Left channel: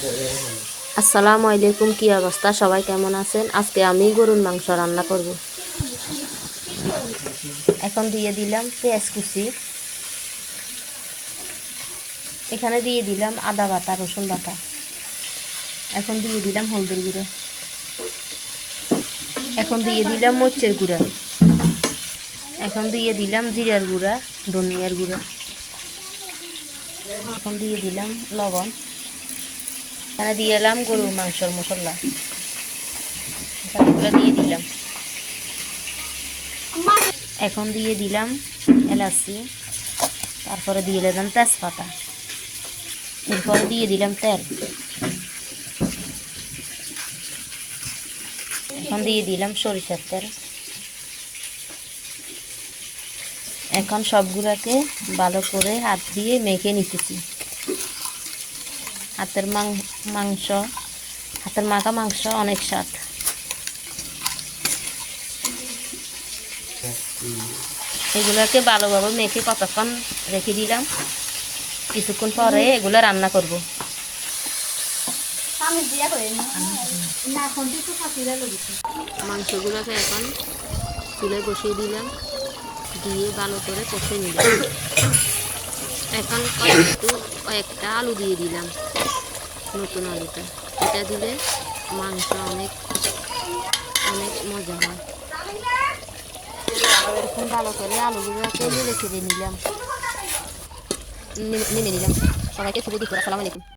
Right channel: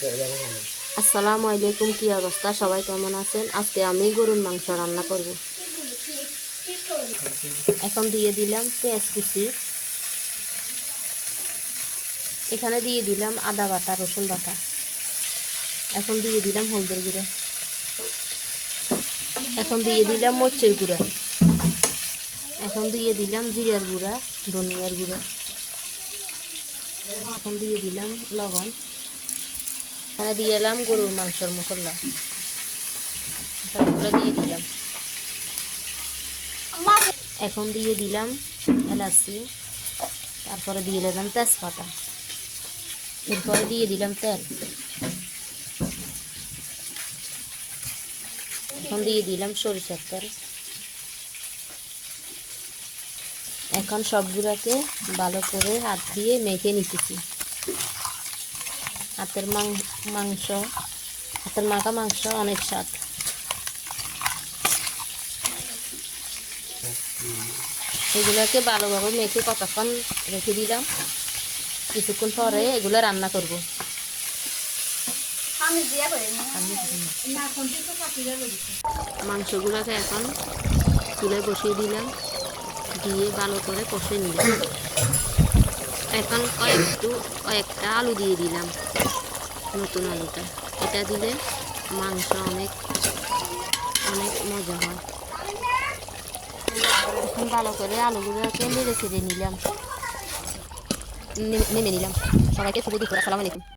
আসসালামু আলাইকুম, কি অবস্থা? সবাই কেমন আছেন? আজকে আমি গরুর মাংস রান্না করব। এখন দিয়ে দিলাম পেঁয়াজ কুচি, এখানে দিয়ে দিলাম আদা বাটা, রসুন বাটা। এখন দিয়ে দিলাম হলদের গুঁড়ো, এখন দিয়ে দিলাম মরিচের গুঁড়া, এখন দিয়ে দিলাম জিরার গুঁড়া, ধনিয়ার গুঁড়া, এখন দিয়ে দিলাম লবণ, এখানে দিয়ে এলাম গরুর মাংসের মশলা, এগুলো দিয়ে দিলাম। এখন দিয়ে দিলাম এলাচি, তারপরে দিয়ে দিলাম তেজপাতা, এরপর দিয়ে দিলাম তেল, এখন দিয়ে দিলাম সরিষার তেল। এখন সবগুলোকে ভালো করে হাত দিয়ে মেখে নিতেছি। হাতের মাখা মাংস অনেক স্বাদ। এগুলোকে ভালোভাবে মেখে কতক্ষণ রেখে দিলাম, কিছুক্ষণ পরে এগুলো রান্না করব। মাংসগুলোকে এখন চুলায় বসিয়ে দিলাম, দিয়ে ভালো করে কষে নিলাম। এখন কয়েকটা আলু দিয়ে দিলাম, নতুন আলুটা, এটা দিলে মাংস অনেক অনেক মজা হয়। এখন ভালো করে আলুগুলোকে নেড়ে ছেড়ে নিলাম, নেমে নিলাম। সবাইকে শুভ দুপুর, আসসালামু আলাইকুম।